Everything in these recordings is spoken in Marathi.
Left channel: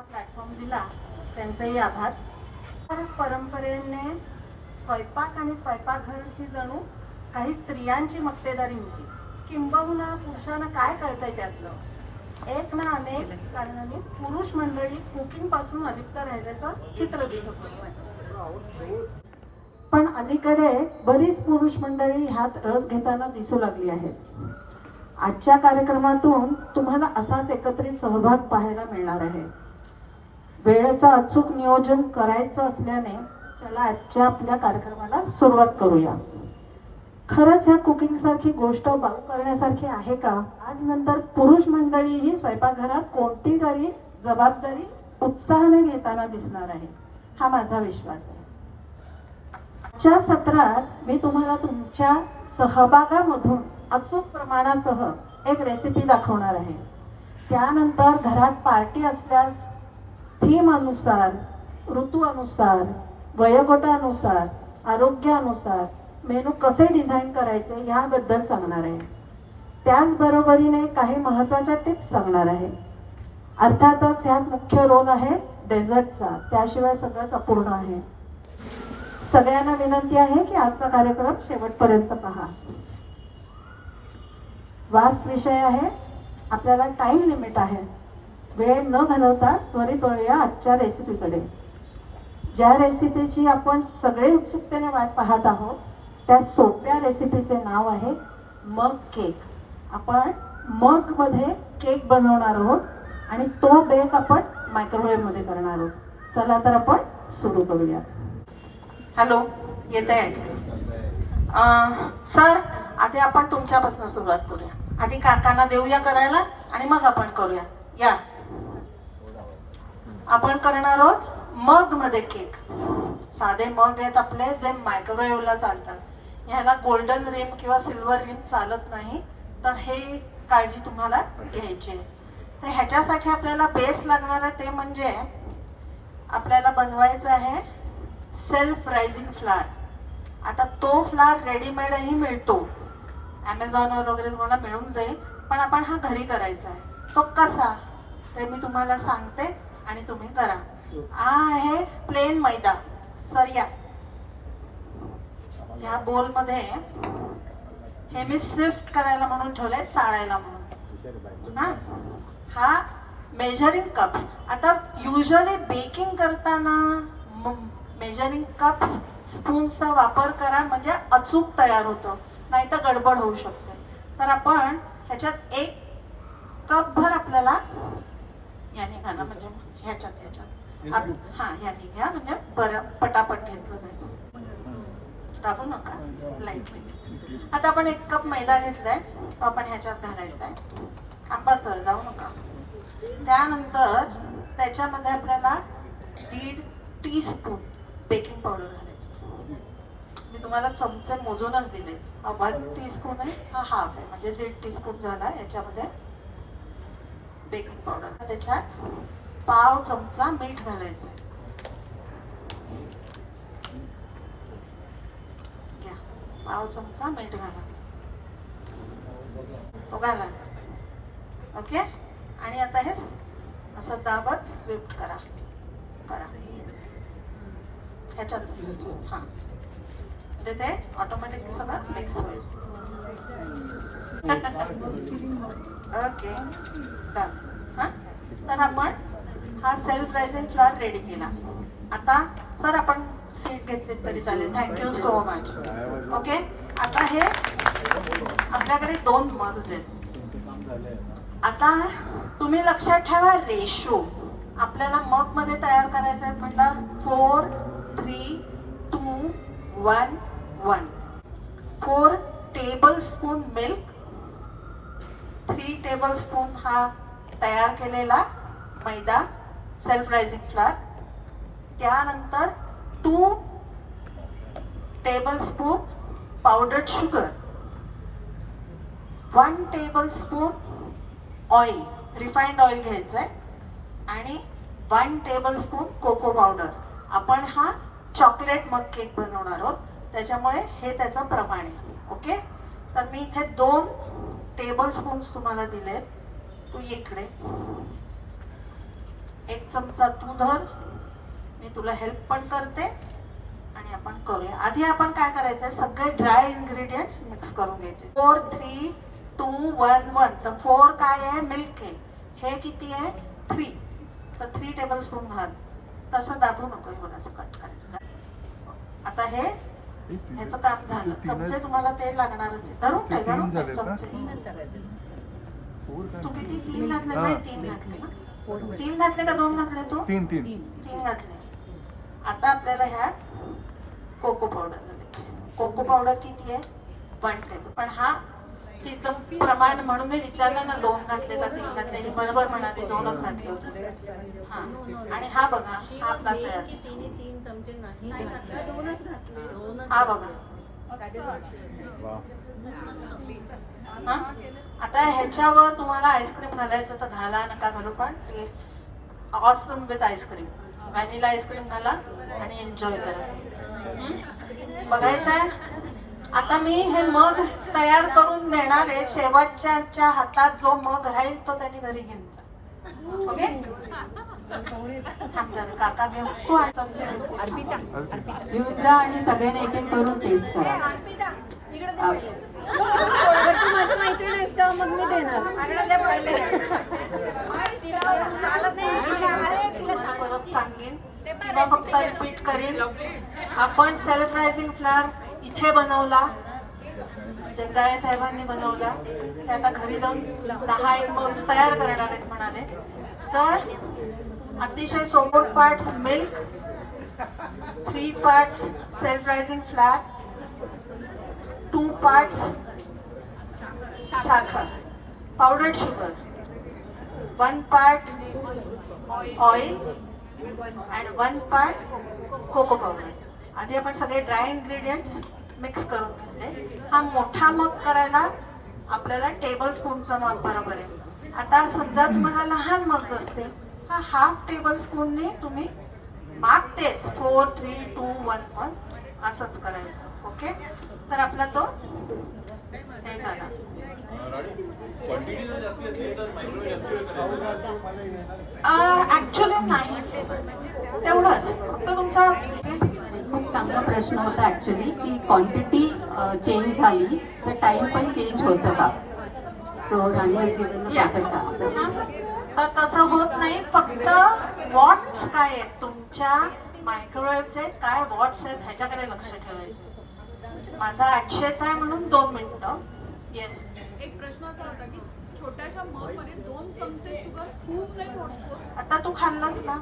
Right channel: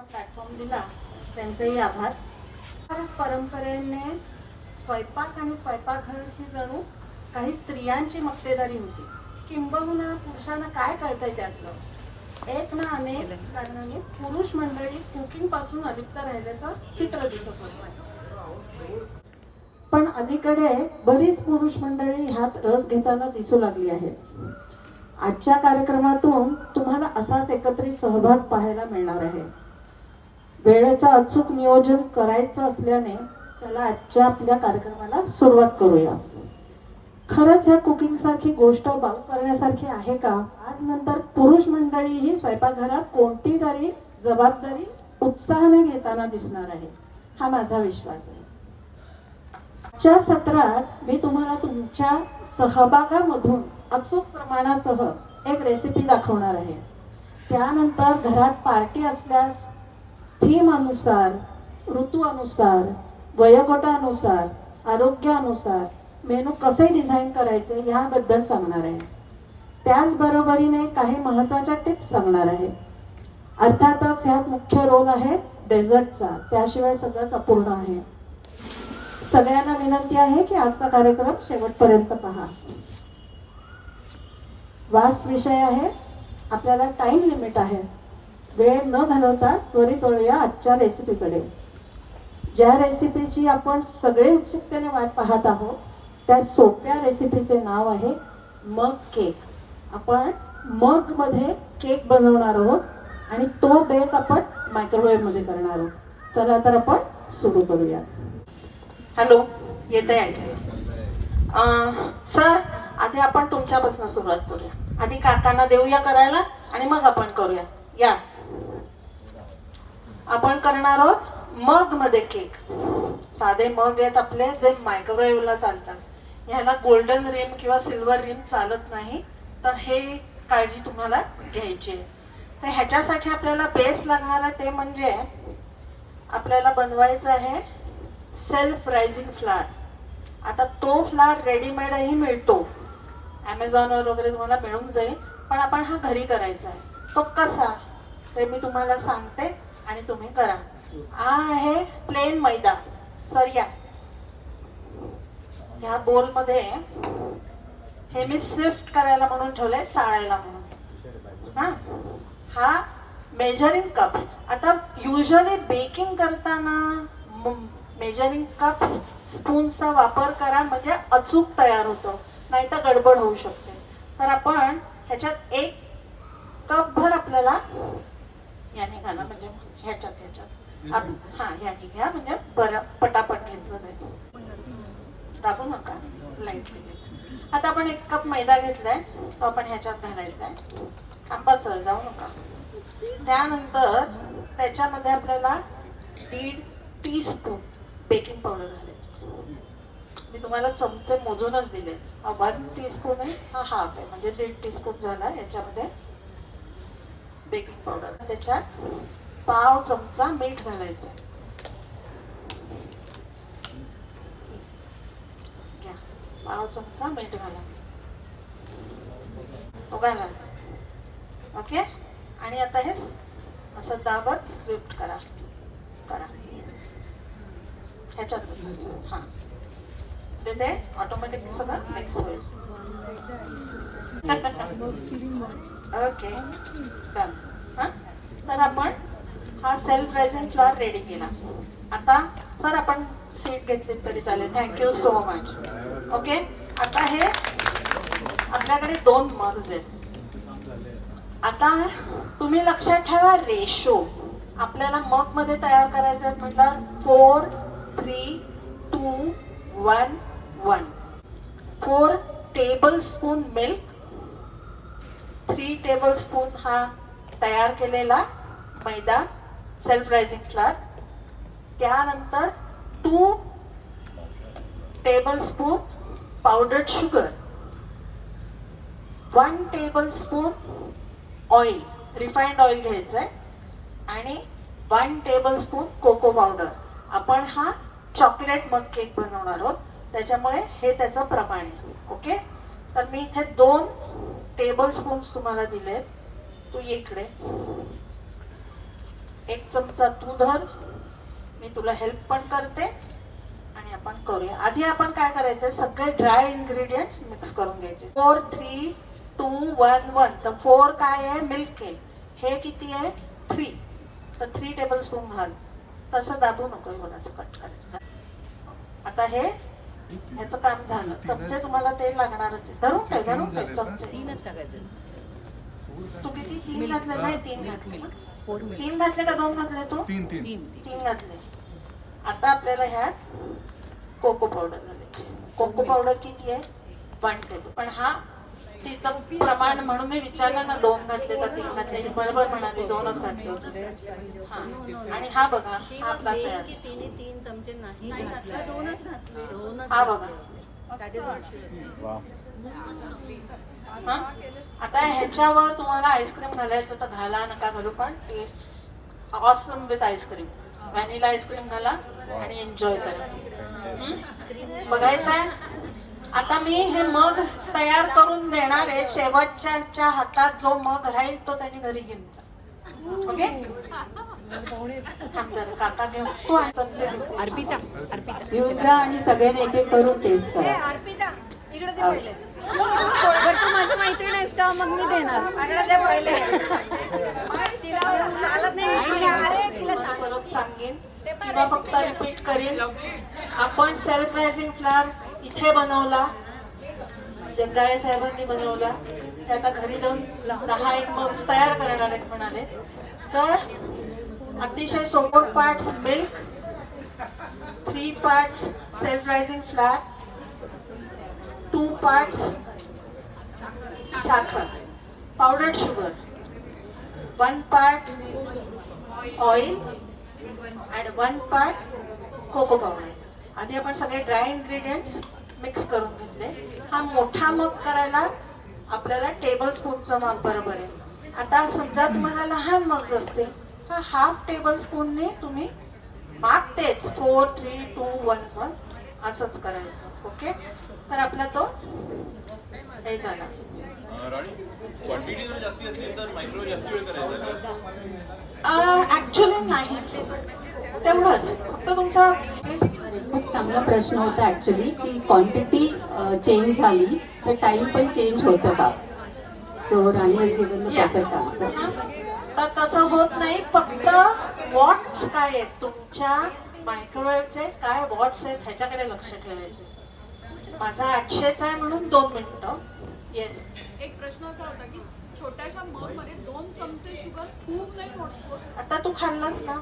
प्लॅटफॉर्म दिला त्यांचेही आभार. परंपरेने स्वयंपाक आणि स्वयंपाकघर ही जणू काही स्त्रियांची मक्तेदारी होती. किंबहुना पुरुषांना काय कळतंय त्यातलं, एक ना अनेक कारणाने पुरुष मंडळी कुकिंग पासून अलिप्त राहिल्याचं चित्र दिसत होतं. पण अलीकडे बरीच पुरुष मंडळी ह्यात रस घेताना दिसू लागली आहेत. आजच्या कार्यक्रमातून तुम्हाला असाच एकत्रित सहभाग पाहायला मिळणार आहे. वेळेचं अचूक नियोजन करायचं असल्याने चला आजच्या आपल्या कार्यक्रमाला सुरुवात करूया. खरंच ह्या कुकिंग सारखी गोष्ट बाऊ करण्यासारखी आहे का? आज नंतर पुरुष मंडळी ही स्वयंपाकघरात कोणती तरी जबाबदारी उत्साहाने घेताना दिसणार आहे, हा माझा विश्वास आहे. आजच्या सत्रात मी तुम्हाला तुमच्या सहभागामधून अचूक प्रमाणासह एक रेसिपी दाखवणार आहे. त्यानंतर घरात पार्टी असल्यास थीम अनुसार, ऋतू अनुसार, वयोगटानुसार, आरोग्यानुसार मेनू कसे डिझाईन करायचे याबद्दल सांगणार आहे. त्याचबरोबरीने काही महत्त्वाच्या टिप्स सांगणार आहे. अर्थातच ह्यात मुख्य रोल आहे डेझर्टचा, त्याशिवाय सगळंच अपूर्ण आहे. सगळ्यांना विनंती आहे की आजचा कार्यक्रम शेवटपर्यंत पहा. वास्ट विषय आहे, आपल्याला टाइम लिमिट आहे. वेळ न घालवता त्वरित वळूया आजच्या रेसिपीकडे. ज्या रेसिपीची आपण सगळे उत्सुकतेने वाट पाहत आहोत त्या सोप्या रेसिपीचे नाव आहे मग केक. आपण मग मध्ये केक बनवणार आहोत आणि तो बेक आपण मायक्रोवेव्ह मध्ये करणार आहोत. चला तर आपण सुरू करूया. हॅलो, येत आहे सर? आधी आपण तुमच्यापासून सुरुवात करूया. आधी काकांना देऊया करायला आणि मग आपण करूया. या, आपण करणार आहोत मग मध्ये केक. साधे मग आहेत आपले जे मायक्रोवेव्हला चालतात. ह्याला गोल्डन रिम किंवा सिल्वर रिम चालत नाही, तर हे काळजी तुम्हाला घ्यायची आहे. तर ह्याच्यासाठी आपल्याला बेस लागणार आहे ते म्हणजे आपल्याला बनवायचं आहे सेल्फ रायझिंग फ्लावर. आता तो फ्लावर रेडीमेडही मिळतो, ॲमेझॉनवर वगैरे तुम्हाला मिळून जाईल, पण आपण हा घरी करायचा आहे. तो कसा ते मी तुम्हाला सांगते आणि तुम्ही करा. हा आहे प्लेन मैदा. सर या, ह्या बोलमध्ये हे मी स्विफ्ट करायला म्हणून ठेवलंय, चाळायला म्हणून ना. हा मेजरिंग कप्स. आता युजली बेकिंग करताना मेजरिंग कप्स स्पून्सचा वापर करा, म्हणजे अचूक तयार होतं, नाही तर गडबड होऊ शकते. तर आपण ह्याच्यात 1 कप भर आपल्याला याने घाला, म्हणजे ह्याच्यात हा याने घ्या, म्हणजे बरं पटापट घेतलं जाईल. दाबू नका, लाईटली घ्यायचं. आता आपण 1 कप मैदा घेतलाय, तो आपण ह्याच्यात घालायचा आहे. थांबा सर, जाऊ नका. त्यानंतर त्याच्यामध्ये आपल्याला 1.5 टीस्पून बेकिंग पावडर घालायची. मी तुम्हाला चमचे मोजूनच दिले. 1 टीस्पून आहे, हा हाफ आहे, म्हणजे 1.5 टीस्पून झाला. याच्यामध्ये बेकिंग पावडर, त्याच्यात पाव चमचा मीठ घालायचं. घ्या, पाव चमचा मीठ घाला, तो घाला. ओके. आणि आता हे असं दाबत स्विफ्ट करा ह्याच्यात. हा, म्हणजे ते ऑटोमॅटिकली सगळं मिक्स होईल. Okay, done. हा, तर आपण हा सेल्फ रायझिंग फ्लावर रेडी केला. आता सर आपण सीट घेतली तरी चालेल. Thank you so much. ओके. आता हे आपल्याकडे 2 मग्स आहेत. आता तुम्ही लक्षात ठेवा रेशो. आपल्याला मग मध्ये तयार करायचं आहे म्हटलं 4, 3, 2, 1, 1. 4 टेबलस्पून मिल्क, 3 टेबलस्पून हा तयार केलेला मैदा सेल्फ रायझिंग फ्लावर. त्यानंतर 2 tablespoon powdered sugar, 1 tablespoon oil, refined oil घ्यायचं आहे, आणि 1 टेबलस्पून कोको पावडर. आपण हा चॉकलेट मग केक बनवणार आहोत, त्याच्यामुळे हे त्याचं प्रमाण आहे. ओके. तर मी इथे 2 टेबलस्पून्स तुम्हाला दिले. तू इकडे 1 चमचा तू धर, मी तुला हेल्प पण करते आणि आपण करूया. आधी आपण काय करायचं, सगळे ड्राय इन्ग्रेडियंट्स मिक्स करून घ्यायचे. 4 3 2 1 1. तर 4 काय आहे, मिल्क आहे. हे किती आहे, 3. तर 3 टेबलस्पून घाल. तसं दाबू नको, बघा असं कट करायचं. आता हे ह्याचं काम झालं. चमचे तुम्हाला तेल लागणारच आहे. धरून ठेव चमचे. तू किती 3 घातले, नाही 3 घातले ना, 3 घातले का 2 घातले, तू 3 घातले. आता आपल्याला ह्यात कोको पावडर. कोको पावडर किती आहे, 1 टेबल. पण हा तिचं प्रमाण म्हणून मी विचारलं ना, 2 घातले का 3 घातले, हे बरोबर म्हणाले 2च घातले होते. हा, आणि हा बघा, हा आपला तयार. 3 चमचे नाही घातला, 2च घातले. हा बघा. हा, आता ह्याच्यावर तुम्हाला आईस्क्रीम घालायचं तर घाला, नका घालू, पण taste awesome with ice cream. Vanilla ice cream घाला आणि एन्जॉय करा. बघायचंय. आता मी हे मग तयार करून देणार आहे. शेवटच्या हातात जो मग राहील तो त्यांनी घरी घेऊन जा. ओके, काका घेऊन तू आणि चमचे घेऊन जा आणि सगळ्यांनी एक एक करून टेस्ट करा. बरं, तू माझी मैत्रीण आहेस का, मग मी देणार. परत सांगेन किंवा फक्त रिपीट करेन. आपण सेल्फ रायझिंग फ्लावर इथे बनवला, जगदाळे साहेबांनी बनवला. ते आता घरी जाऊन 10 मग्स तयार करणार आहेत म्हणाले. तर अतिशय सोपे parts milk, 3 parts self rising flour, 2 parts साखर powdered sugar, 1 part oil and 1 part cocoa powder. आधी आपण सगळे ड्राय इन्ग्रेडियंट्स मिक्स करून घेतले. हा मोठा मग करायला आपल्याला टेबल स्पूनचा माप बरोबर आहे. आता समजा तुम्हाला लहान मग्स असतील, हा हाफ टेबल स्पूनने तुम्ही माप तेच 4 3 2 1 1 असंच करायचं. ओके, तर आपला तो हे झाला. ऍक्च्युली नाही, तेवढंच फक्त तुमचा. खूप चांगला प्रश्न होता ऍक्च्युली की क्वांटिटी चेंज झाली तर टाइम पण चेंज होतं का. So Rani has given the perfect answer. तर तसं होत नाही. फक्त वॉट्स काय आहेत तुमच्या मायक्रोवेव्हचे, काय वॉट्स आहेत ह्याच्याकडे लक्ष ठेवायचं. माझा 800चा आहे म्हणून 2 मिनिटं. येस, एक प्रश्न असा होता की छोट्याशा मग मध्ये 2 चमचे शुगर खूप नाही होत. आता तू खाल्लंस का,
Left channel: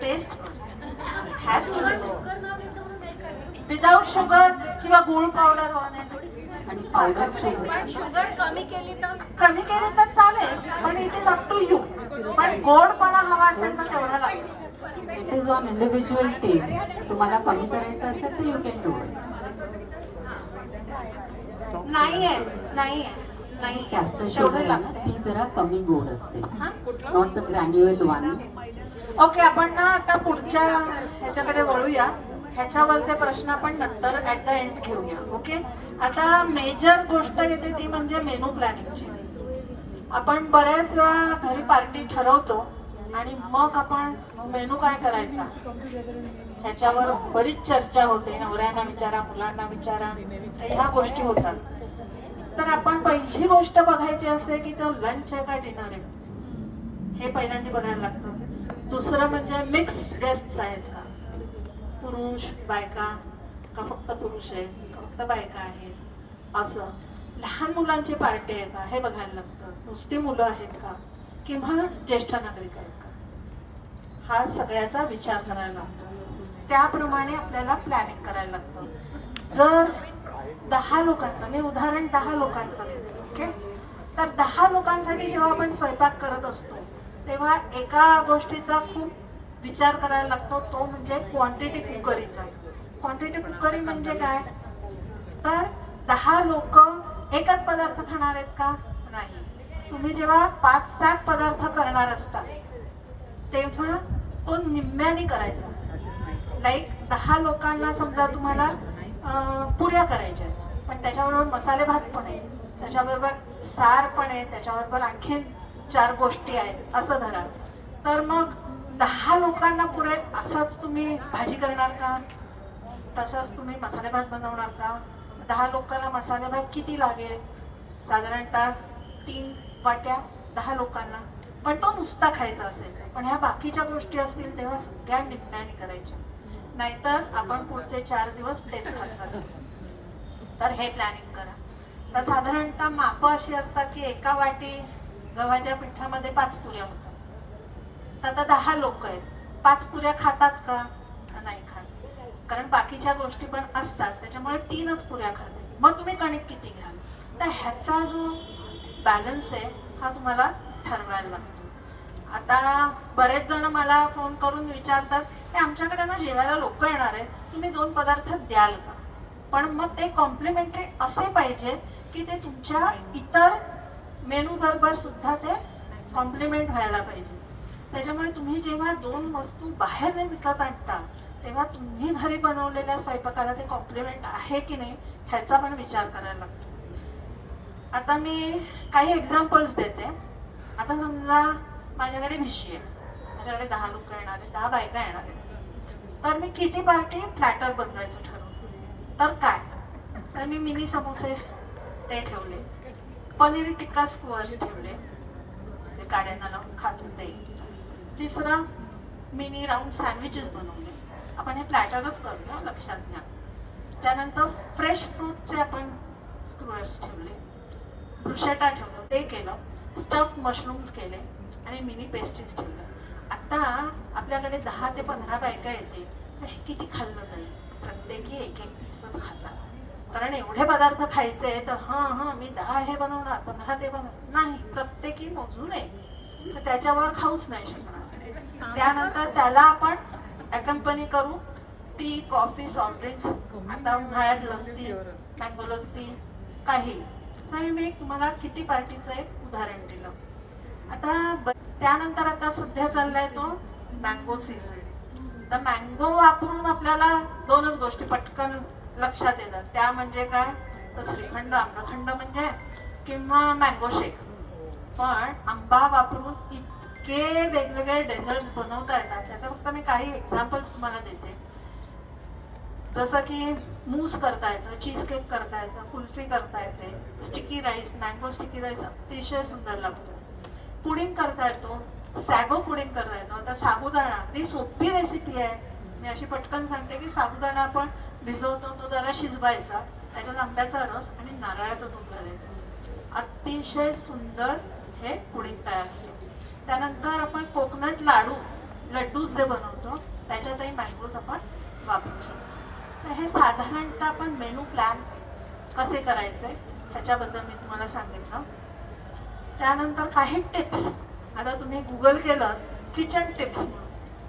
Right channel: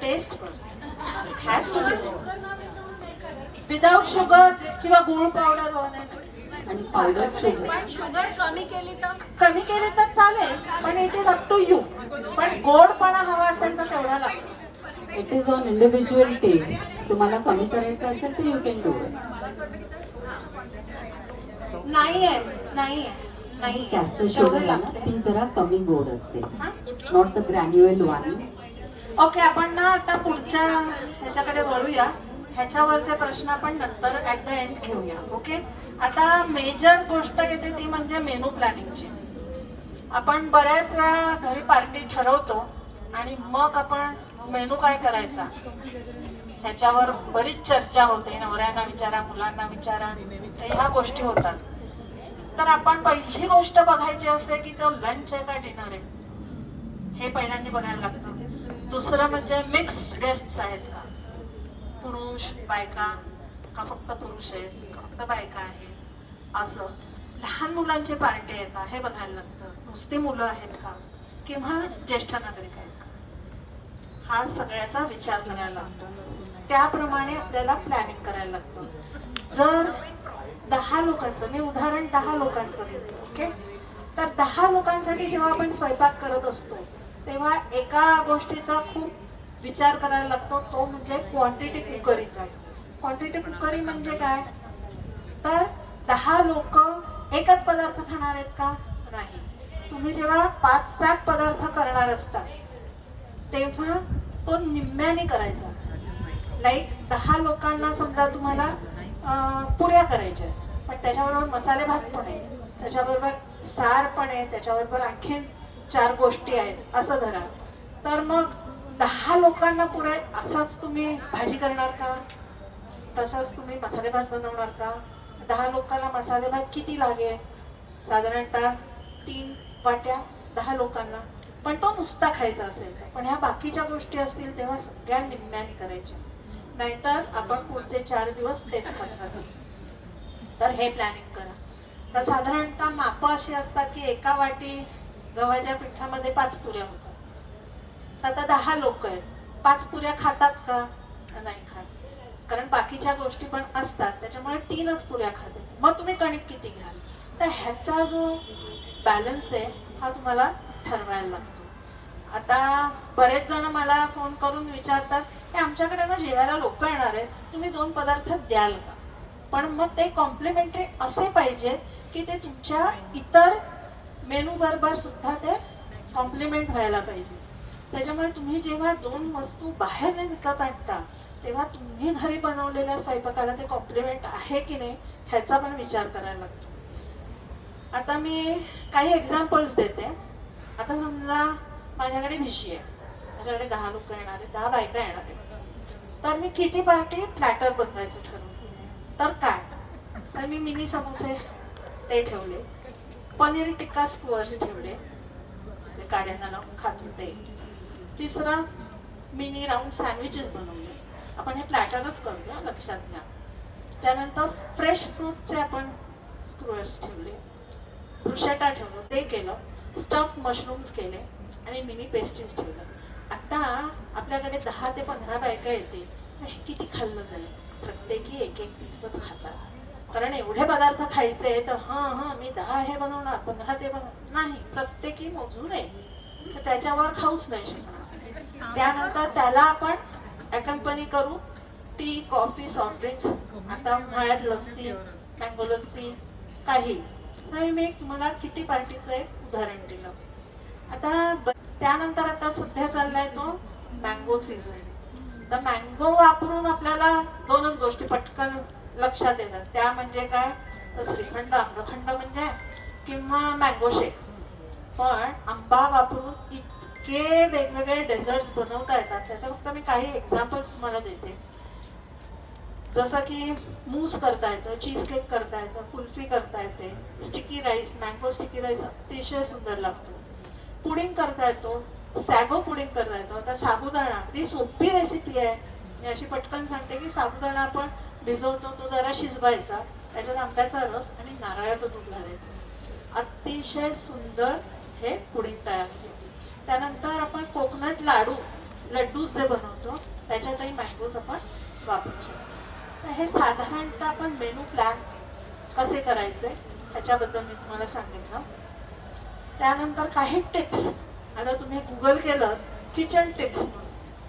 taste has to be without sugar किंवा गुळ पावडर आणि पावडर शुगर शुगर कमी केली तर चालेल, पण it is up to you. पण गोडपणा हवा असेल तर तेवढा लागतो. It is on individual taste. तुम्हाला कमी करायचं असेल तर यू कॅन डू इट. नाहीये नाहीये नाही, कॅस्टर शुगर आहे ना, ती जरा कमी गोड असते, not the granular one. Okay, आपण ना आता पुढच्या ह्याच्याकडे वळूया. ह्याच्यावरचे प्रश्न आपण नंतर ऍट द एंड घेऊया. ओके, आता मेजर गोष्ट येते ती म्हणजे मेनू प्लॅनिंगची. आपण बऱ्याच वेळा घरी पार्टी ठरवतो आणि मग आपण मेनू काय करायचा ह्याच्यावर बरीच चर्चा होते. नवऱ्यांना विचारा, मुलांना विचारा, ह्या गोष्टी होतात. तर आपण पहिली गोष्ट बघायची असते की तो लंच आहे का डिनर आहे, हे पहिल्यांदा बघायला लागतं. दुसरं म्हणजे मिक्स्ड गेस्ट्स आहेत का, पुरुष बायका का फक्त पुरुष आहेत का फक्त बायका आहेत, असं. लहान मुलांची पार्टी आहे का हे बघायला लागतं. नुसती मुलं आहेत का किंवा ज्येष्ठ नागरिक आहेत का, हा सगळ्याचा विचार करायला लागतो. त्याप्रमाणे आपल्याला प्लॅनिंग करायला लागतं. जर 10 लोकांचं, मी उदाहरण 10 लोकांचं घेते. ओके, तर 10 लोकांसाठी जेव्हा आपण स्वयंपाक करत असतो तेव्हा एका गोष्टीचा खूप विचार करायला लागतो, तो म्हणजे क्वांटिटी कुकरीचा. क्वांटिटी कुकरी म्हणजे काय, तर 10 लोक एकच पदार्थ खाणार आहेत का, नाही. तुम्ही जेव्हा 5-7 पदार्थ करणार असता तेव्हा तो निम्म्याने करायचा. लाईक 10 लोकांना समजा तुम्हाला पुऱ्या करायच्या, पण त्याच्याबरोबर मसाले भात पण आहे, त्याच्याबरोबर सार पण आहे, त्याच्याबरोबर आणखीन 4 गोष्टी आहेत असं धरा. तर मग 10 लोकांना पुरेल असाच तुम्ही भाजी करणार का? तसाच तुम्ही मसाले भात बनवणार का? 10 लोकांना मसाले भात किती लागेल? साधारणतः 3 वाट्या 10 लोकांना. पण तो नुसता खायचा असेल तर. पण ह्या बाकीच्या गोष्टी असतील तेव्हा सगळ्या निम्म्याने करायच्या, नाहीतर आपण पुढचे 4 दिवस तेच खात राहतो. तर हे प्लॅनिंग करा. तर साधारणतः माप अशी असतात की एका वाटी गव्हाच्या पिठामध्ये 5 पुऱ्या होतात. तर आता 10 लोक आहेत, 5 पुऱ्या खातात का? नाही खात, कारण बाकीच्या गोष्टी पण असतात, त्याच्यामुळे 3च पुऱ्या खाते. मग तुम्ही कणिक किती घ्याल? तर ह्याचा जो बॅलन्स आहे हा तुम्हाला ठरवायला लागतो. आता बरेच जण मला फोन करून विचारतात की आमच्याकडे ना जेवायला लोक येणार आहेत, तुम्ही 2 पदार्थ द्याल का? पण मग ते कॉम्प्लिमेंटरी असे पाहिजे की ते तुमच्या इतर मेनू बरोबर सुद्धा ते कॉम्प्लिमेंट व्हायला पाहिजे. त्याच्यामुळे तुम्ही जेव्हा 2 वस्तू बाहेर विकत आणता तेव्हा तुम्ही घरी बनवलेल्या स्वयंपाकाला ते कॉम्प्लिमेंट आहे की नाही ह्याचा पण विचार करायला लागतो. आता मी काही एक्झाम्पल्स देते. आता समजा माझ्याकडे भिशी आहे, माझ्याकडे 10 लोक येणार आहेत, 10 बायका येणार आहेत. तर मी किटी पार्टी प्लॅटर बनवायचं ठरवलं. तर काय, तर मी मिनी समोसे ते ठेवले, पनीर टिक्का स्क्वर्स ठेवले, ते काड्यांना लावून खातो ते. तिसरं मिनी राऊंड सँडविचेस बनवले. आपण हे प्लॅटरच करूया, लक्षात घ्या. त्यानंतर फ्रेश फ्रूटचे आपण स्क्वर्स ठेवले, ब्रुशेटा ठेवलं, ते केलं, स्टफ्ड मशरूम्स केले आणि मिनी पेस्ट्रीज ठेवले. आता आपल्याकडे 10 ते 15 बायका येतील, तर हे किती खाल्लं जाईल? प्रत्येकी 1-1 पीसच खातात, कारण एवढे पदार्थ खायचे. तर हां मी 10 हे बनवणार, 15 ते बनवणार नाही, प्रत्येकी मोजून आहे, तर त्याच्यावर खाऊच नाही शकणार. त्यानंतर त्याला आपण अकंपनी करू टी, कॉफी, सॉफ्ट ड्रिंक्स. आता उन्हाळ्यात लस्सी, मँगो लस्सी, काही. हे मी तुम्हाला किटी पार्टीचं एक उदाहरण दिलं. आता त्यानंतर आता सध्या चाललाय तो मँगो सीझन. तर मँगो वापरून आपल्याला 2च गोष्टी पटकन लक्षात येतात. त्या म्हणजे काय, तर श्रीखंड, आम्रखंड म्हणजे, किंवा मँगो शेक. पण आंबा वापरून इतके वेगवेगळे डेझर्ट्स बनवता येतात. त्याचा फक्त मी काही एक्झाम्पल्स तुम्हाला देते. जसं की मूस करता येतं, चीज केक करता येतं, कुल्फी करता येते, sticky rice, mango sticky rice अतिशय सुंदर लागतो. पुडिंग करता येतो, सॅगो पुडिंग करता येतो. आता साबुदाणा अगदी सोपी रेसिपी आहे. मी अशी पटकन सांगते की साबुदाणा आपण भिजवतो, तो जरा शिजवायचा, त्याच्यात आंब्याचा रस आणि नारळाचं दूध घालायचं, अतिशय सुंदर हे पुडिंग तयार होते. त्यानंतर आपण कोकोनट लड्डू जे बनवतो त्याच्यातही मँगोज आपण वापरू शकतो. तर हे साधारणतः आपण मेनू प्लॅन कसे करायचे ह्याच्याबद्दल मी तुम्हाला सांगितलं. त्यानंतर काही टिप्स. आता तुम्ही गुगल केलं किचन टिप्स,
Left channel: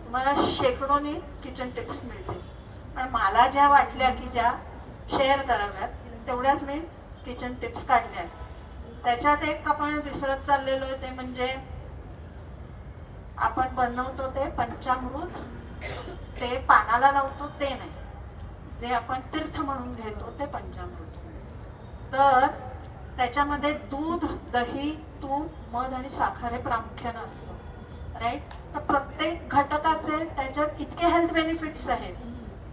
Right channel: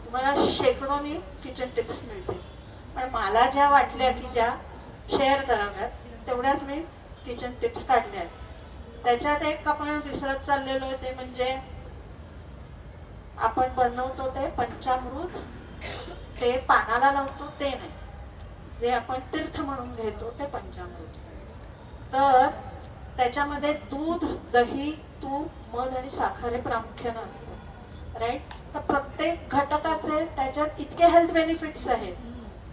तुम्हाला शेकडोनी किचन टिप्स मिळतील. पण मला ज्या वाटल्या की ज्या शेअर कराव्यात तेवढ्याच मी किचन टिप्स काढल्या आहेत. त्याच्यात एक आपण विसरत चाललेलो आहे, ते म्हणजे आपण बनवतो ते पंचामृत, ते पानाला लावतो ते नाही, जे आपण तीर्थ म्हणून घेतो ते पंचामृत. तर त्याच्यामध्ये दूध, दही, तूप, मध आणि साखर हे प्रामुख्यानं असतं, राईट. तर प्रत्येक घटकाचे त्याच्यात इतके हेल्थ बेनिफिट्स आहेत.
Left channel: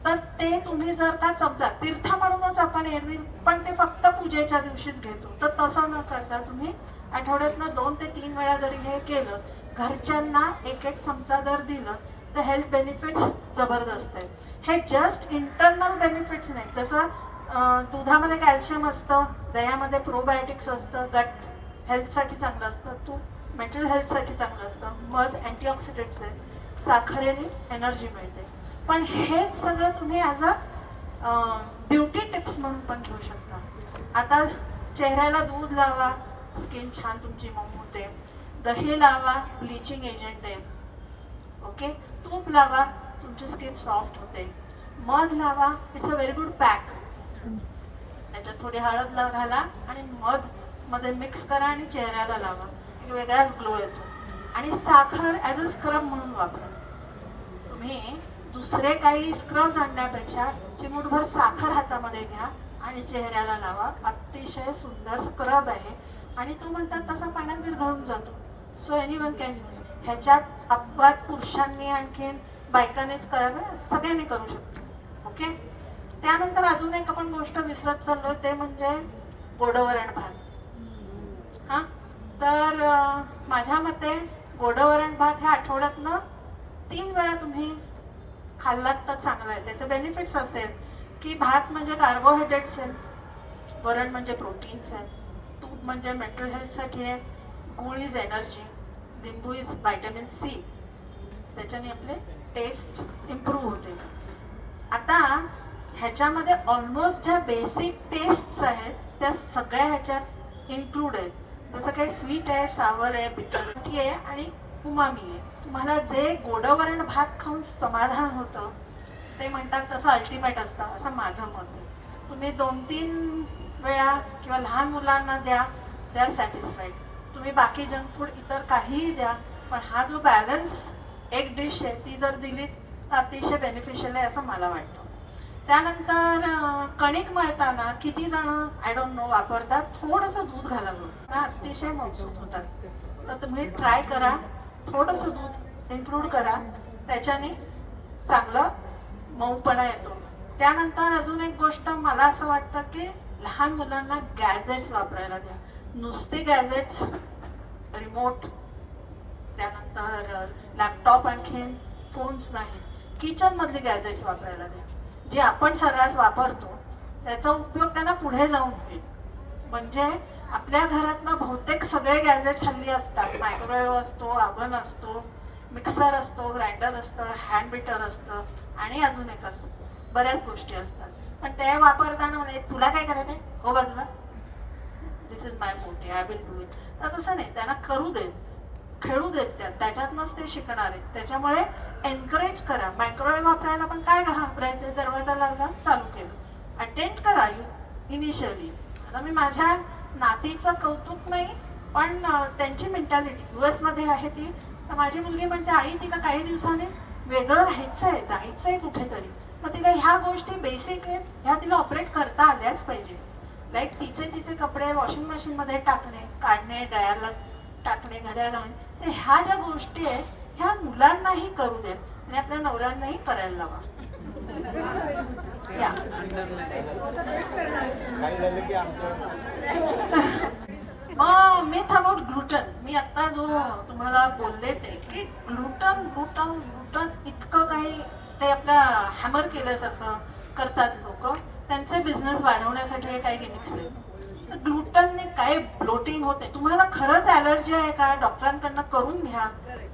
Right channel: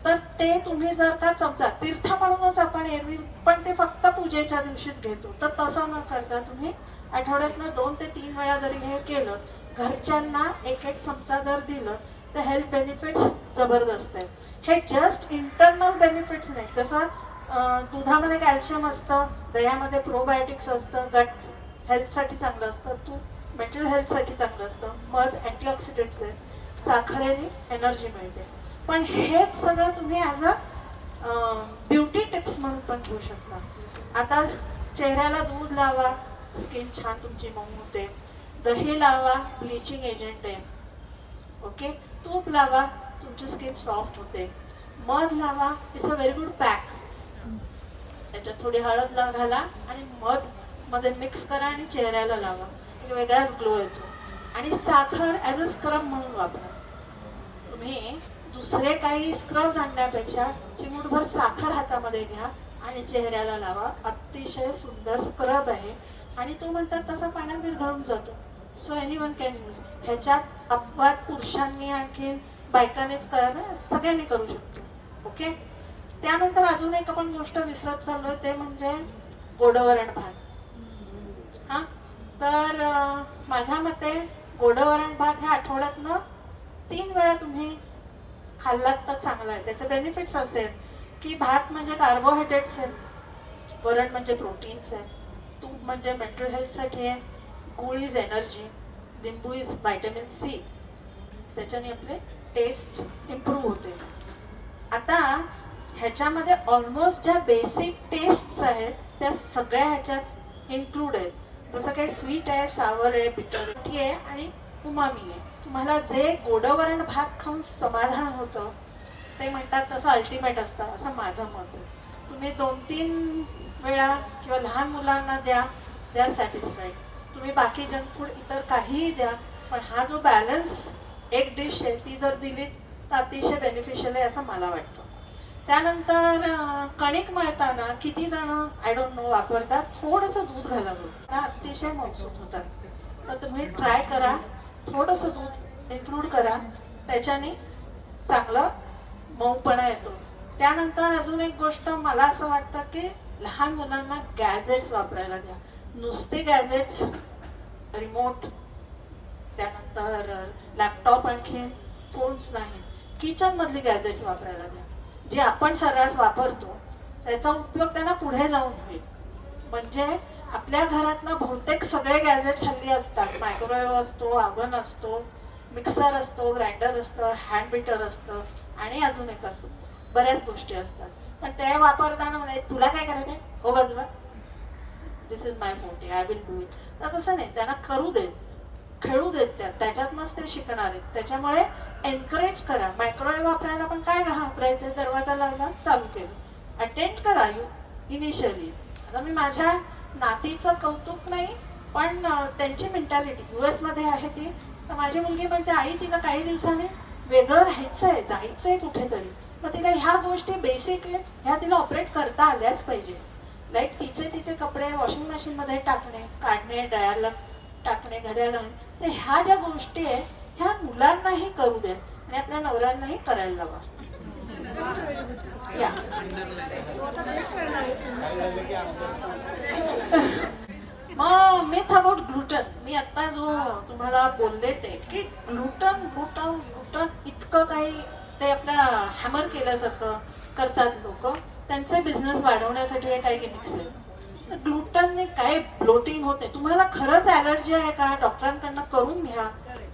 तर ते तुम्ही जर का चमचा, तीर्थ म्हणूनच आपण एरवी, पण ते फक्त पूजेच्या दिवशीच घेतो, तर तसं न करता तुम्ही आठवड्यातनं 2 ते 3 वेळा जरी हे केलं, घरच्यांना 1-1 चमचा जर दिलं, तर हेल्थ बेनिफिट्स जबरदस्त आहेत. हे जस्ट इंटरनल बेनिफिट्स नाही. जसं दुधामध्ये कॅल्शियम असतं, दह्यामध्ये प्रोबायोटिक्स असतं, गट हेल्थसाठी चांगलं असतं, तूप मेंटल हेल्थसाठी चांगलं असतं, मध अँटीऑक्सिडंट्स आहे, साखरेने एनर्जी मिळते. पण हेच सगळं तुम्ही ॲज अ ब्युटी टिप्स म्हणून पण घेऊ शकता. आता चेहऱ्याला दूध लावा, स्किन छान तुमची मऊ होते. दही लावा, ब्लिचिंग एजंट आहे, ओके. तूप लावा, तुमची स्किन सॉफ्ट होते. मध लावा, it's a very good pack. त्याच्यात थोडी हळद घाला आणि मध मध्ये मिक्स करा आणि चेहऱ्याला लावा, एक वेगळाच ग्लो येतो. आणि साखर ॲज अ स्क्रब म्हणून वापरा. तुम्ही दुसरे काही स्क्रब्स आणण्यापेक्षा चिमूटभर साखर हातामध्ये घ्या आणि चेहऱ्याला लावा. अतिशय सुंदर स्क्रब आहे आणि तो म्हणतात तसा पाण्यात विरघळून जातो. So anyone can use. ह्याच्यात अपवाद पुरुषांनी आणखीन बायकांनीच करायला, सगळ्यांनी करू शकतो. ओके. त्यानंतर अजून एक आपण गोष्ट विसरत चाललोय, ते म्हणजे गोडवरण भात. हा, तर माझ्या मते गोडवरण भात ह्या आठवड्यातनं 3 वेळा तुम्ही खाल्लात तर चांगला आहे. त्याचे बेनिफिट्स असेल की भात म्हणजे कार्बोहायड्रेट्स आहे, वरण म्हणजे प्रोटीन्स आहे, तूप म्हणजे मेंटल हेल्थसाठी आहे, गूळ इज एनर्जी, लिंबू इज व्हायटमिन सी. त्याच्याने आपले टेस्ट इम्प्रूव्ह होते. आता ह्याच्यामध्ये ऑलमोस्ट ज्या बेसिक टेस्ट्स आहेत त्या सगळ्या ह्याच्यात इन्क्लूड आहेत. जसं काही स्वीट आहे, सावर आहे, बिटरटी आहे आणि उमामी आहे. तुम्हाला जे गोडवरण भात खाऊन समाधान होतं ते म्हणतात तसं अल्टिमेट असतं, असं माझं मत आहे. तुम्ही 2-3 वेळा किंवा लहान मुलांना द्या, दे आर सॅटिस्फाईड. तुम्ही बाकी जंक फूड इतर काहीही द्या, पण हा जो बॅलन्स एक डिश आहे ती जर दिली तर अतिशय बेनिफिशियल आहे असं मला वाटतं. त्यानंतर कणिक मळताना किती जण आय डोंट नो वापरतात थोडंसं दूध घालावं, अतिशय मजबूत होतात. तर तुम्ही ट्राय करा, थोडंसं दूध इन्क्लूड करा, त्याच्याने चांगलं मऊपणा येतो. त्यानंतर अजून एक गोष्ट मला असं वाटतं की लहान मुलांना गॅजेट्स वापरायला द्या. नुसते गॅजेट्स, रिमोट, त्यानंतर लॅपटॉप, आणखीन फोन्स नाही, किचन मधली गॅजेट्स वापरायला द्या. जे आपण सर्रास वापरतो त्याचा उपयोग त्यांना पुढे जाऊन होईल. म्हणजे आपल्या घरातनं बहुतेक सगळे गॅजेट्स हल्ली असतात. मायक्रोवेव्ह असतो, ओव्हन असतो, मिक्सर असतो, ग्राइंडर असतं, हँड बीटर असतं आणि अजून एक असतं, बऱ्याच गोष्टी असतात. पण ते वापरताना म्हणजे तुला काय करायचंय, हो बाजूला, this is my forty, I will do it. तर तसं नाही, त्यांना करू देत, खेळू देत, त्याच्यातनंच ते शिकणार आहेत. त्याच्यामुळे एनकरेज करा. मायक्रोवेव्ह वापरायला पण काय घाबरायचं, दरवाजा लागला चालू केलं, अटेंड करा इनिशियली. आता मी माझ्या नातीचं कौतुक नाही, पण त्यांची मेंटॅलिटी US मध्ये आहे ती. तर माझी मुलगी म्हणते आई तिला काही दिवसांनी वेगळं राहायचंय, जायचंय कुठेतरी. मग तिला ह्या गोष्टी बेसिक आहेत, ह्या तिला ऑपरेट करता आल्याच पाहिजे. लाईक तिचे कपडे वॉशिंग मशीन मध्ये टाकणे, काढणे, ड्रायरला टाकणे, घड्याळ घालणे, तर ह्या ज्या गोष्टी आहेत ह्या मुलांनाही करू देत आणि आपल्या नवऱ्यांनाही करायला लावा. मग मिथ अबाउट ग्लुटन, मी आता जो तुम्हाला बोलले ते की ग्लुटन ग्लुटन ग्लुटन इतकं काही ते आपल्या हॅमर केल्यासारखं करतात लोक. त्यांचे बिझनेस वाढवण्यासाठी हे काही गिमिक्स आहेत. तर ग्लुटनने काय ब्लोटिंग होते. तुम्हाला खरंच ॲलर्जी आहे का, डॉक्टरांकडनं करून घ्या,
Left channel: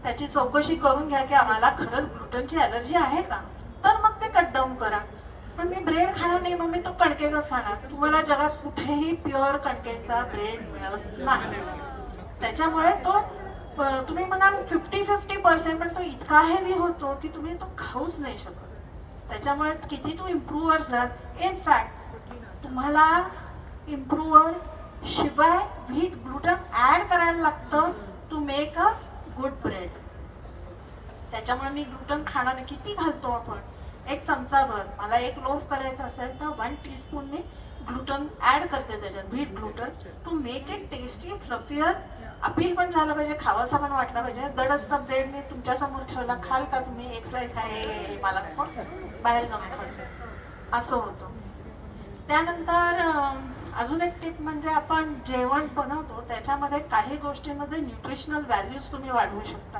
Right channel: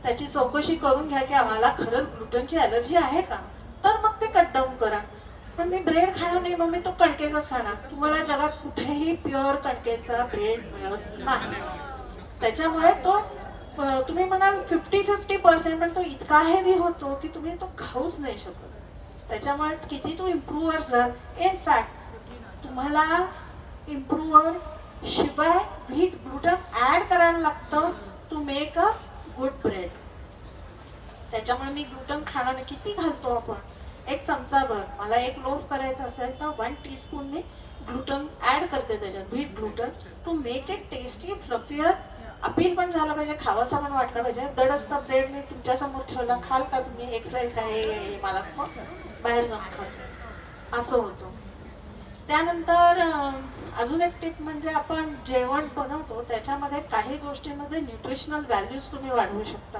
त्याची चौकशी करून घ्या की आम्हाला खरंच ग्लुटनची ॲलर्जी आहे का, तर मग ते कट डाऊन करा. पण मी ब्रेड खाणार नाही, मग मी तो कणकेचाच खाणार. तुम्हाला जगात कुठेही प्युअर कणकेचा ब्रेड मिळत नाही. त्याच्यामुळे तो तुम्ही म्हणाल 50-50%, पण तो इतका हेवी होतो की तुम्ही तो खाऊच नाही शकत. त्याच्यामुळे किती तो इम्प्रूव्हर झाल. इन फॅक्ट तुम्हाला इम्प्रूव्हर शिवाय व्हीट ग्लुटन ऍड करायला लागतं to make a good bread. त्याच्यामुळे मी ग्लुटन खाणार नाही. किती घालतो आपण, 1 चमचाभर. मला 1 लोफ करायचा असेल तर 1 टीस्पून मी ग्लुटन ऍड करते त्याच्यात, wheat gluten, to make it tasty, fluffier. Appeal पण झालं पाहिजे, खावासा पण वाटला पाहिजे. दडसता ब्रेड मी तुमच्या समोर ठेवला, खाल का तुम्ही, एक्सराईज काय, मला बाहेर जाऊन खाल, असं होतं. त्यानंतर अजून एक टिप म्हणजे आपण जेवण बनवतो त्याच्यामध्ये काही गोष्टींमध्ये न्यूट्रिशनल व्हॅल्यूज तुम्ही वाढवू शकता.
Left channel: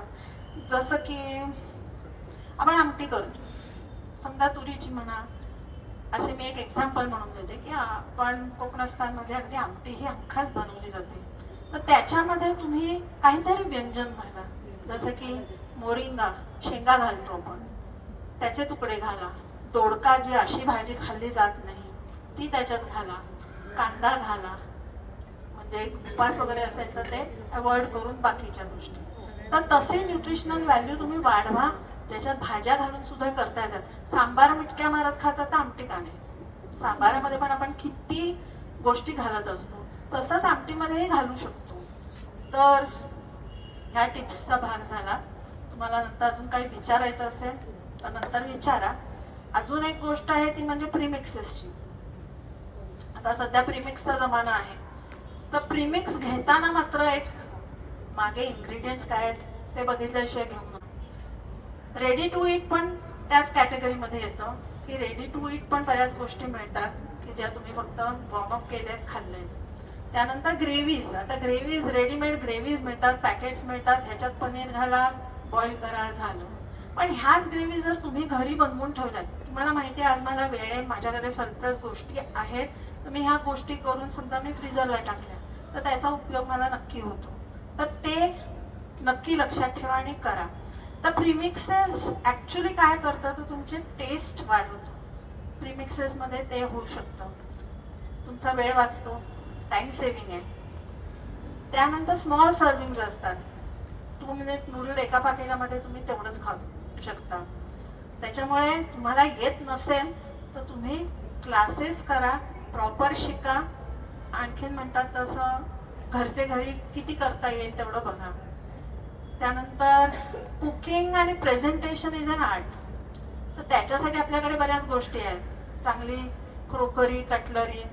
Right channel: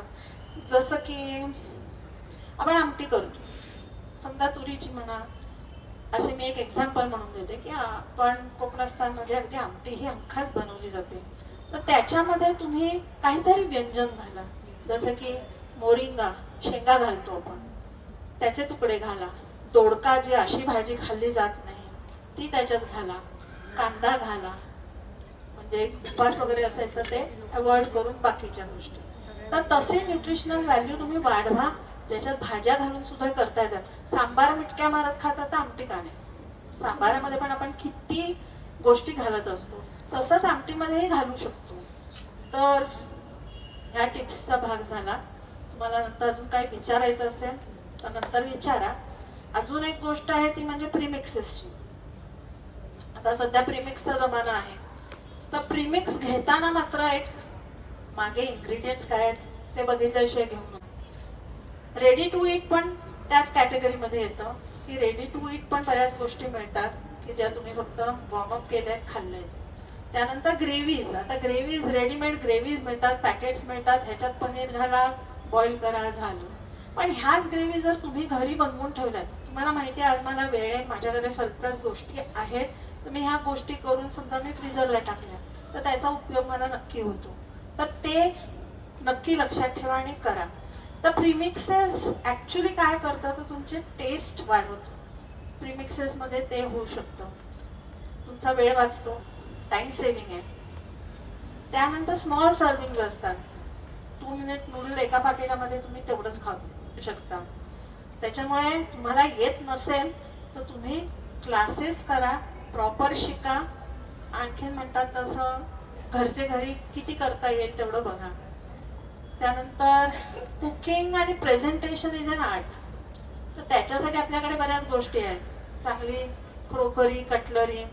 जसं की आपण आमटी करतो, समजा तुरीची म्हणा, असे मी एक एक्झाम्पल म्हणून देते की आपण कोकणस्थानमध्ये अगदी आमटी ही हमखास बनवली जाते. तर त्याच्यामध्ये तुम्ही काहीतरी व्यंजन घाला, जसं की मोरिंगा, शेंगा घालतो आपण, त्याचे तुकडे घाला. दोडका, जी अशी भाजी खाल्ली जात नाही ती त्याच्यात घाला. कांदा घाला, म्हणजे उपास वगैरे असेल तर ते अवॉइड करून बाकीच्या गोष्टी. तर तसे न्यूट्रिशनल व्हॅल्यू तुम्ही वाढवा, ज्याच्यात भाज्या घालून सुद्धा करता येतात. सांबार मिटक्या मारत खातात तर आमटी का नाही, सांबारामध्ये पण आपण किती गोष्टी घालत असतो, तसंच आमटीमध्येही घालू शकतो. तर ह्या टिप्सचा भाग झाला. तुम्हाला नंतर अजून काही विचारायचं असेल तर नंतर विचारा. अजून एक गोष्ट आहे ती म्हणजे प्रीमिक्सेसची. आता सध्या प्रीमिक्सचा जमाना आहे, तर प्रीमिक्स घेताना मात्र एक मागे इन्ग्रेडियंट्स काय आहेत ते बघितल्याशिवाय घेऊ नका. रेडी टू ईट पण त्याच कॅटेगरीमध्ये येतं की रेडी टू ईट पण बऱ्याच गोष्टी मिळतात की ज्या तुम्ही फक्त वॉर्मअप केल्यात खाल्ल्यात. त्यानंतर ग्रेव्हीज. आता ग्रेव्हीज रेडीमेड ग्रेव्हीज मिळतात, पॅकेट्स मिळतात, ह्याच्यात पनीर घाला, बॉईल करा, झालं. पण ह्याच ग्रेव्ही जर तुम्ही घरी बनवून ठेवल्यात, तुम्हाला माहिती आहे आज मला वेळ आहे, माझ्याकडे सरप्लस गोष्टी आहेत, तर मी ह्या गोष्टी करून सुद्धा मी फ्रीजरला टाकल्या, तर त्याचा उपयोग मला नक्की होतो. तर ते नक्की लक्षात ठेवा आणि करा. तर प्रीमिक्सेस ऍक्च्युली काय करतं तर तुमचे टेस्ट वाढवतो. प्रीमिक्सेसमध्ये ते होऊ शकतं. तुमचा वेळ वाचतो, टाइम सेव्हिंग आहे. त्यानंतर स्मॉल सर्विंग्स असतात. 2 मिनिट नूडल एका पाकिटामध्ये तुम्ही तेवढंच खाऊ शकता. त्याच्यामुळे तुम्हाला येत नसेल तर तुम्ही क्लासेस करा, प्रॉपर शिका. आणखीन म्हणतात तसं घरचे घरी किती करता येईल तेवढं बघा. त्यानंतर कुकिंग आणि प्रेझेंटेशन इज अन आर्ट. तर त्याच्यासाठी आपल्याकडे बऱ्याच गोष्टी आहेत. चांगली क्रोकरी, कटलरी,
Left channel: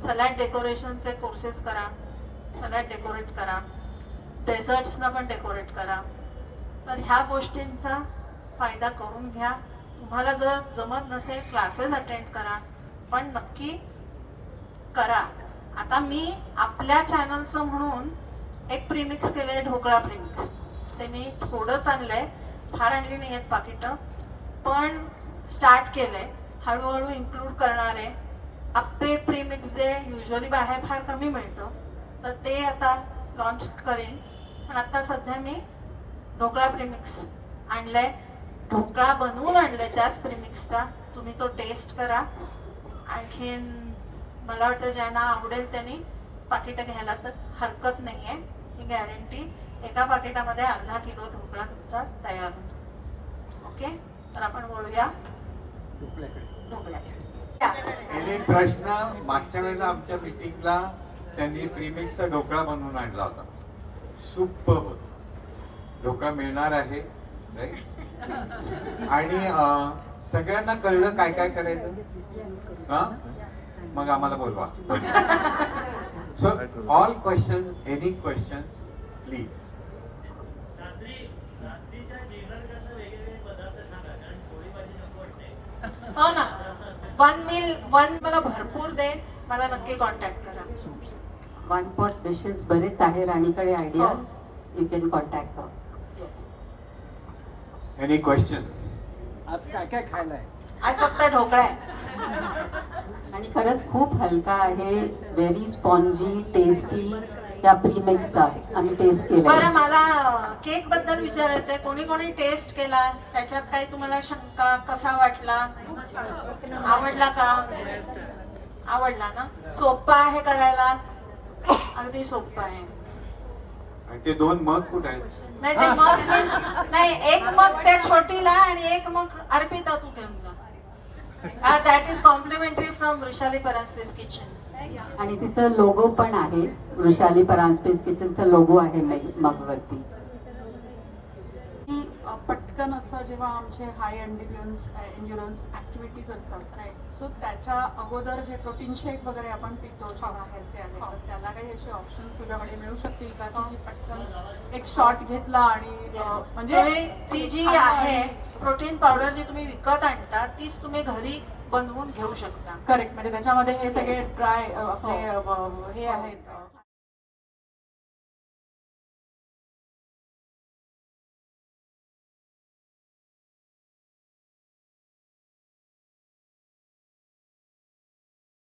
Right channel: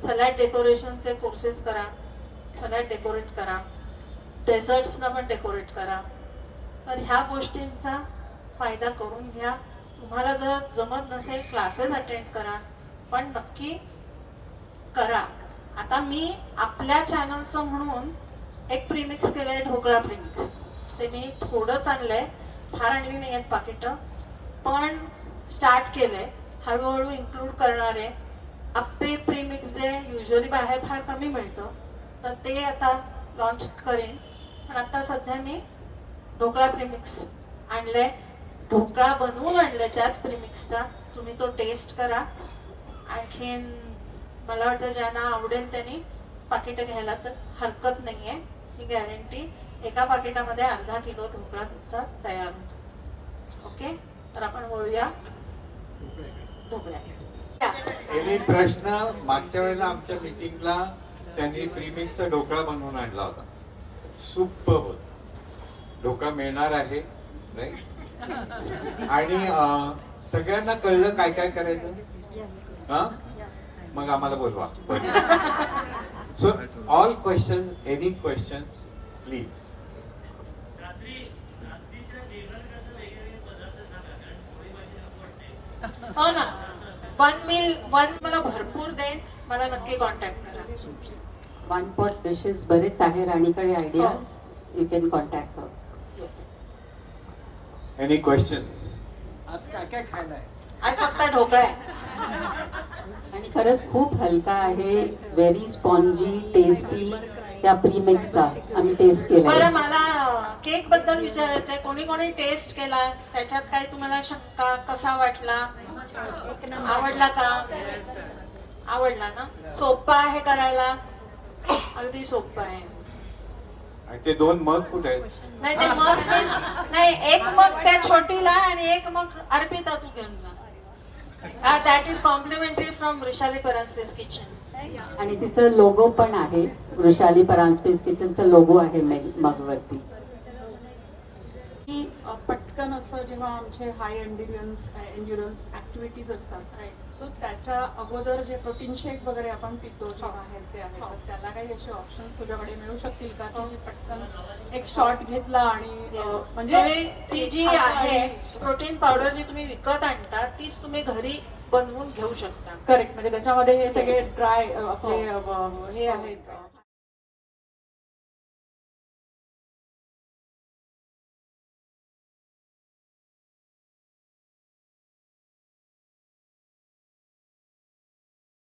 सलाड डेकोरेशनचे कोर्सेस करा, सलाड डेकोरेट करा, डेझर्ट्सना पण डेकोरेट करा. तर ह्या गोष्टींचा फायदा करून घ्या. तुम्हाला जर जमत नसेल क्लासेस अटेंड करा, पण नक्की करा. आता मी आपल्या चॅनलचं म्हणून एक प्रीमिक्स केलंय, ढोकळा प्रीमिक्स. ते मी थोडंच आणलंय, फार आणली नाही आहेत पाकिटं, पण स्टार्ट केलंय. हळूहळू इन्क्लूड करणार आहे. अप्पे प्रीमिक्स जे युजली बाहेर फार कमी मिळतं, तर ते आता लॉन्च करेन. पण आता सध्या मी ढोकळा प्रीमिक्स आणलंय, ढोकळा बनवून आणलंय त्याच प्रीमिक्सचा. तुम्ही तो टेस्ट करा. आणखीन मला वाटतं ज्यांना आवडेल त्यांनी पाकिटं घ्यायला तर हरकत नाहीये. ही गॅरंटी. एका पाकिटामध्ये अर्धा किलो ढोकळा तुमचा तयार होतो. ओके, तर आपण वळूया ढोकळ्या. एक प्रश्न. मागच्या वेळेला आमच्या मीटिंगला त्यांनी प्रीमिक्सचा ढोकळा बनवून आणला होता. सुपर होता. ढोकळा मिळणार आहे राईट. आणि सगळ्यांना कळलं काय काय करायचं. हा, मग आम्हाला बोलवा. So all question, any questions please. हो ना, वन मला भरपूर देईन. मला नक्की कॉन्टॅक्ट करा. 1 pot डिशेस बरेच आहे राणीकडे idea. You can contact. Yes. Any questions. आज काय काय खायलाय? आज फक्त ढोकळा आहे. आणि खरंच खूप हलका आहे, व्हेरी स्पॉन्जी, टेस्टी. त्या प्रीमिक्सचा आम्ही टेस्ट केला. बरं, मला केक बद्दल विचारायचंय. कोणी कोणी टेस्ट केला? त्याच्यात काही तुम्हाला शंका? कसा वाटला? आवडला का? आवडला ना? सोपा आहे करायला, अगदी सोपं आहे. आणि ते 2 मग कुठे आहेत? नाही, ते मग नाही, एक मग त्या छोटीला आणि एक मग अर्पिता तू घेऊन जा. That is complimentary from Vrushali Paranjape's kitchen. आणि तिचं लोगो पण आहे. वृषाली परांजपे's किचनचा लोगो आहे मगवरती. की पटकन असं जेव्हा आमचे हाय एन्ड्युरन्स ऍक्टिव्हिटीज असतात, सो त्याच्या अगोदर जे प्रोटीन शेक वगैरे आपण पितो जे बाहेरचे आहेत, तर त्याला काही असे ऑप्शन्स तुझ्याकडे मिळू शकतील का की जे पटकन एक शॉट घेतला आणि म्हणजे ती जी आहे प्रोटीन पावडर जी तुम्ही विकत आणता तीच तुम्ही घरी बनवून घेऊ शकता. करेक्ट, म्हणजे त्याच्यामध्ये हे सगळे ड्राय आपले हे आहेत